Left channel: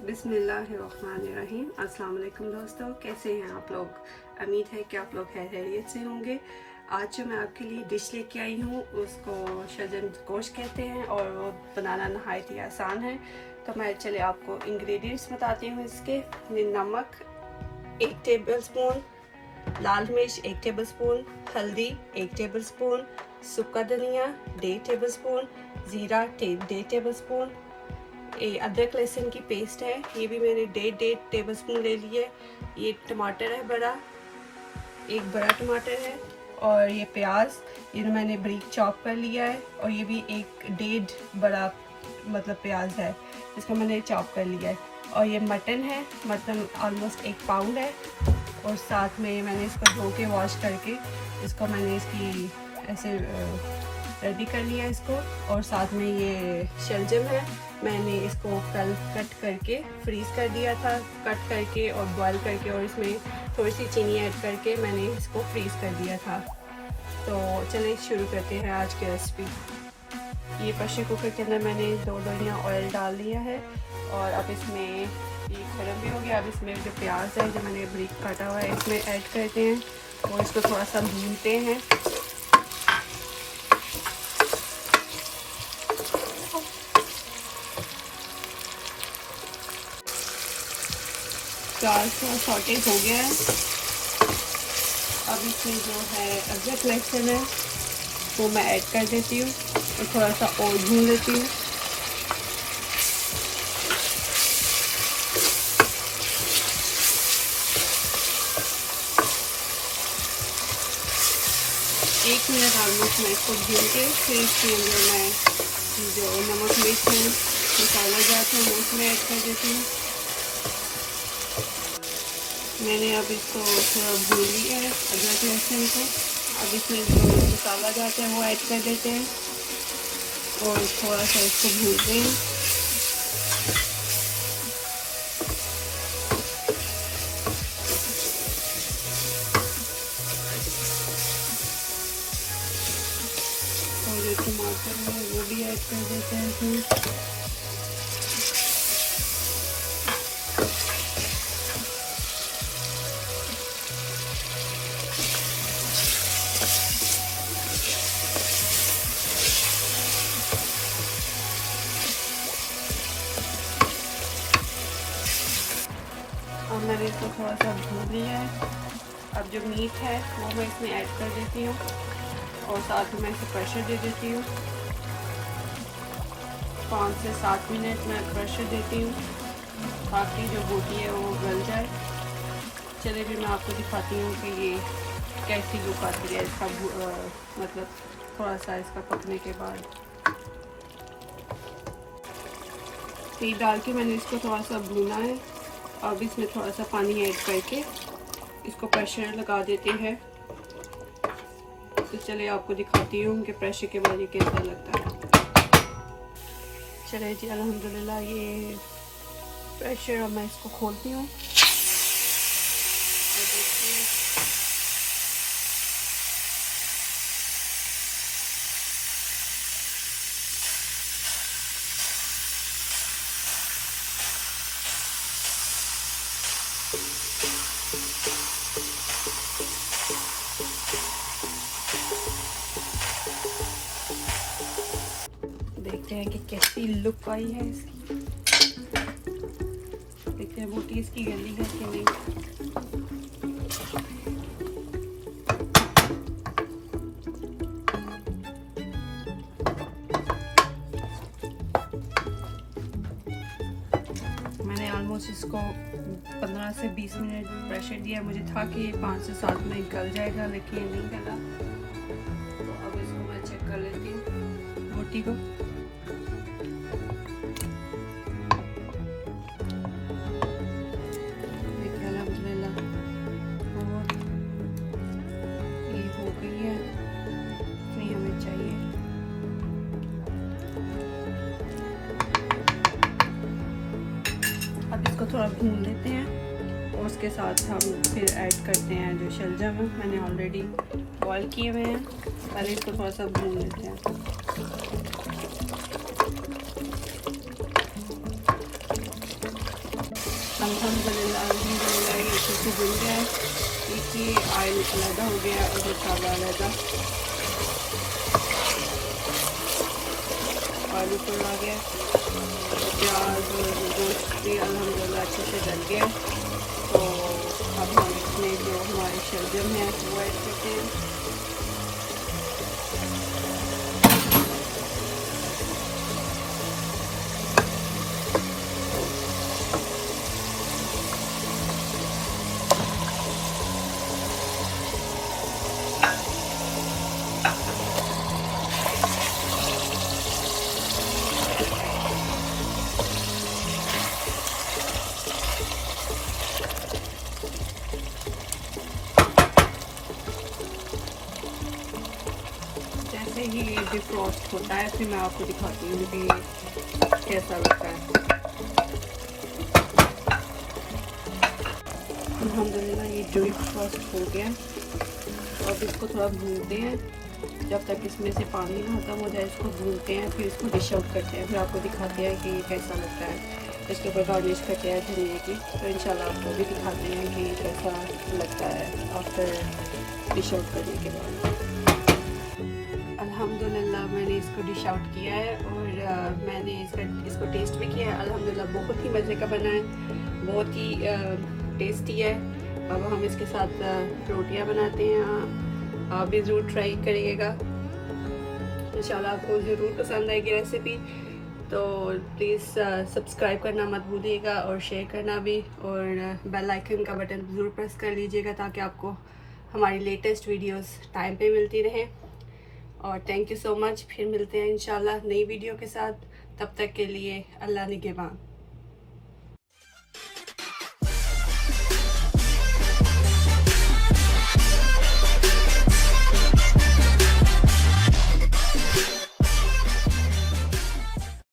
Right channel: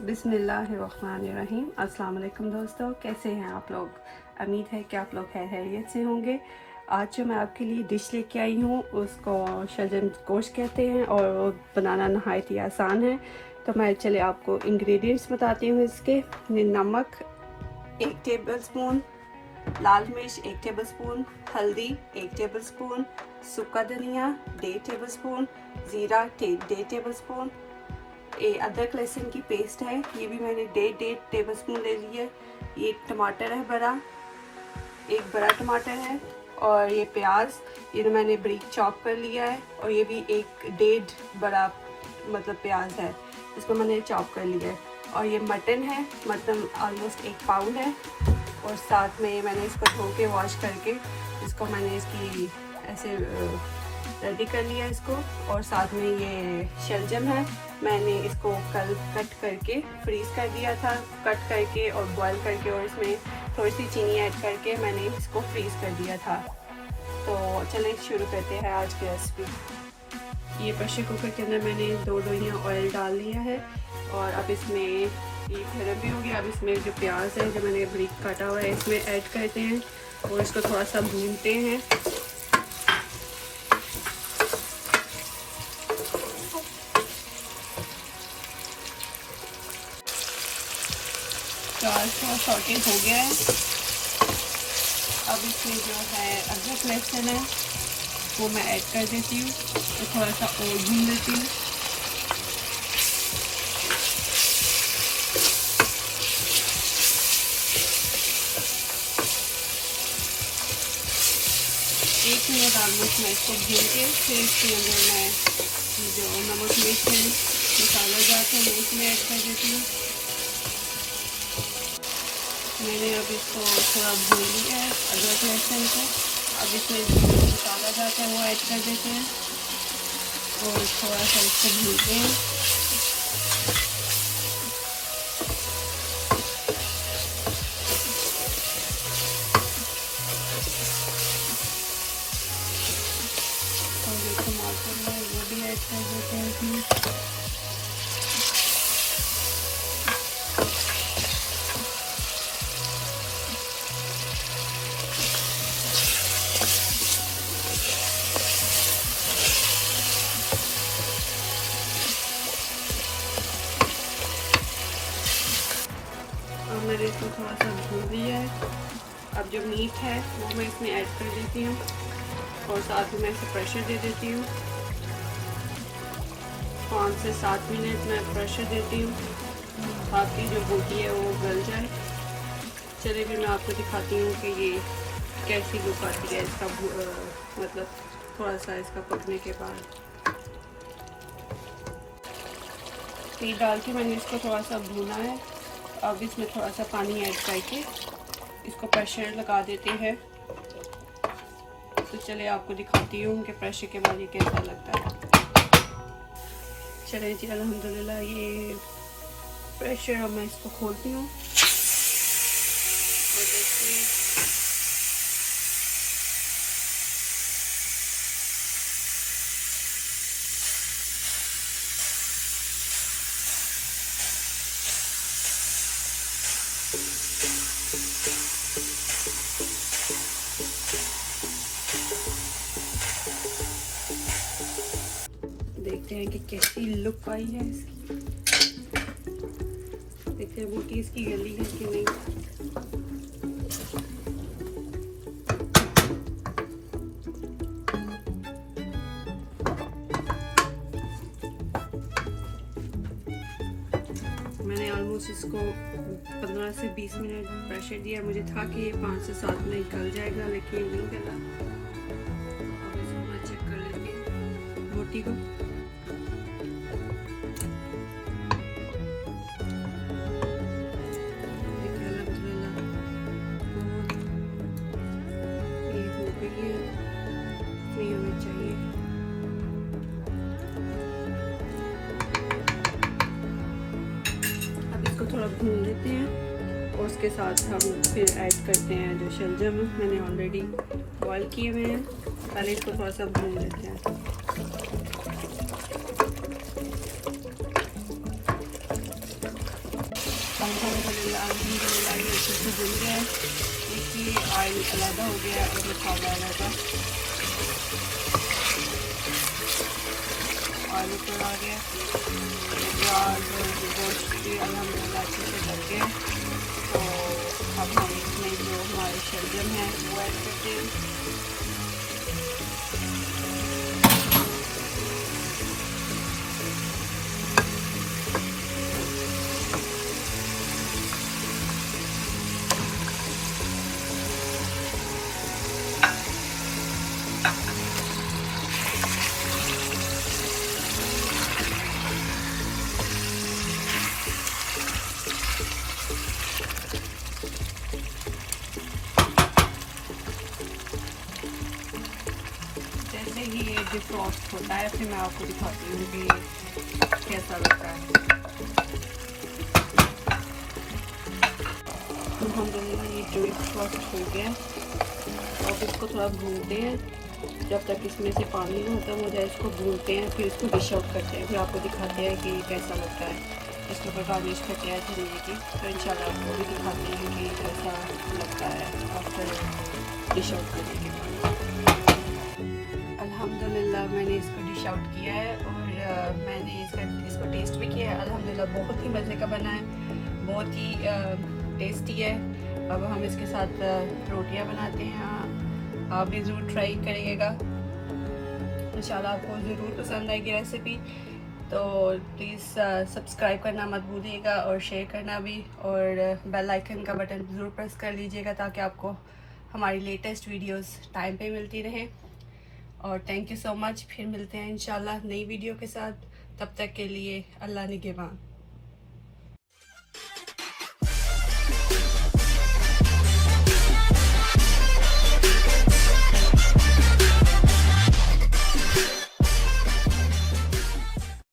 बिस्मिल्लाहिर्रहमानिर्रहीम। अस्सलाम वालेकुम दोस्तों, कैसे हैं आप लोग। उम्मीद है कि आप लोग खैरियत से होंगे। आज जो मैं आपके लिए डिश लेके आई हूँ उसको शलजम गोश्त कहते हैं और बनाना नहायत ही आसान है। तो मैं चले आपको इंग्रेडिएंट्स बताती हूँ इसके। नमक 1 टेबलस्पून, लाल मिर्च 1 टेबलस्पून, हल्दी 1 टेबलस्पून, सूखा धनिया 1.5 टेबलस्पून, ज़ीरा 1.5 टेबलस्पून, ये अदरक लहसुन की पेस्ट है, ये भी मैंने 1.5 टेबलस्पून ले ली है। ये टमाटर है बड़ा, एक बड़ा टमाटर है, और ये प्याज ये मैंने बारीक चॉप कर लिया है, और ये भी 1.5 बड़ा मतलब प्याज है, इसको मैंने चॉप कर लिया है। और ये मटन है, मटन ऑलमोस्ट 1 पाउंड है, और साथ में मैंने इसको धो के वॉश करके इसको मैंने इसकी ऐसे रेडी कर लिया इसको। और साथ में ये शलजम है, मैंने इसको कल कट करके फ्रीज़ कर दिया था, कट करके और बॉईल करके, और इसमें थोड़ी सी चीनी ऐड करके मैंने इसको फ्रीज़ कर दिया था। तो चलिए शुरू करते हैं आज की रेसिपी। ये प्रेशर कुकर के अंदर मैंने 2 डोइयाँ ऑयल डाल लिया है, और अब इसमें ये गर्म भी हो गया। अब इसमें जो प्याज है जो मैंने बारीक काटा हुआ है इसमें ऐड करते हैं, और इसको थोड़ा सा भूनते हैं। प्याज थोड़ा सॉटे हो गया है। अब इसमें जो है अदरक लहसुन है वो मैं ऐड कर देती हूँ, तो थोड़ा सा और भून लेती हूँ। एक मिनट ऑलमोस्ट मैं इसको भून के फिर इसके अंदर मैं जो नमक मिर्च है मसाला जाते हैं उसमें ऐड कर देती हूँ। मैंने अब इसको थोड़ा भून लिया है अदरक लहसुन को। अब इसमें जो मसाला जाता है वो ऐड कर देते हैं, और थोड़ा सा इसको भूनते हैं। और जो टमाटर है वो भी ऐड कर देते हैं इसमें। मैंने इसको थोड़ा सा भून लिया है। अब जो मीट है वो मैं इसमें ऐड कर देती हूँ, और साथ में मैं इसे प्रेशर दे देती हूँ। 5 से 7 मिनट मैं प्रेशर देती हूँ ताकि जो बोटी है वो गल जाए। चलिए भी मैं आपको दिखाती हूँ कि ये कैसी लुक आती है इसका, मतलब थोड़ा सा इसका पकने के बाद। तेल डाल के मैंने इसको थोड़ा सा भूना है, और इसमें थोड़ा सा पानी ऐड करके इसको प्रेशर लगा देते हैं। तो चलिए आपको दिखाती हूँ कि प्रेशर के बाद ये कैसा लगता है। चलिए जी अल्हम्दुलिल्लाह ये प्रेशर, अब मैं इसको खोलती हूँ। देखते हैं कि कैसी लुक आई है इसकी। देखते हैं बोटी इसकी गली है कि नहीं। मैंने ऑलमोस्ट इसको 15 से 20 मिनट प्रेशर दिया। मुझे था कि ये 5 से 7 मिनट गल जाएगा, लेकिन ये नहीं गला। तो अब इसको मैं चेक कर लेती हूँ बोटी को। भून लेते हैं, और उसके साथ हम फिर ऐड करते हैं जो शलजम मैंने ऑलरेडी बॉईल किए हुए हैं। पहले इसको थोड़ा सा भून लेते हैं। से भून गया है, देखिए ऑयल अलग हो गया और मसाला अलग ऑयल ऊपर आ गया, प्याज गोश्त भी अल्हम्दुलिल्लाह अच्छे से गल गया। तो अब हम इसमें जो हमारे शलजम है वो ऐड करते हैं। जैसे ही ये डिफ्रॉस्ट होता है फिर मैं आपको दिखाती हूँ कि कैसा लगता है। अल्हम्दुलिल्लाह ये डिफ्रॉस्ट हो गया है। अब इसको थोड़ा भूनते हैं, जब तक इसमें से पानी नहीं खत्म हो जाए इसको भूनते हैं, फिर इसको डिश आउट करते हैं, फिर आपको दिखाते हैं कि कैसा लगता है। इसके ऊपर गार्निश करते हैं धनिया की, तो इंशाल्लाह आपको भी दिखाते हैं कि कैसा लगता है आफ्टर डिश आउट करने के बाद। अल्हम्दुलिल्लाह मैंने इसको डिश आउट किया है और मैंने इसको टेस्ट भी किया है। अल्हम्दुलिल्लाह बहुत ही मज़े का बना है, बहुत ही टेस्टी है। अब हम इसके साथ रोटियां बनाते हैं, आप भी ज़रूर ट्राई करिएगा, इंशाल्लाह आपको ज़रूर पसंद आएगी रेसिपी। तो प्लीज़ सब्सक्राइब करना मत भूलिएगा और शेयर करना भी, और बेल आइकन का बटन ज़रूर प्रेस कर लीजिएगा ताकि आपको हमारी लेटेस्ट वीडियोस टाइम पे मिलती रहे। और थैंक यू सो मच, फिर मिलते हैं इंशाल्लाह नई वीडियो के साथ, तब तक के लिए अल्लाह निगहबान।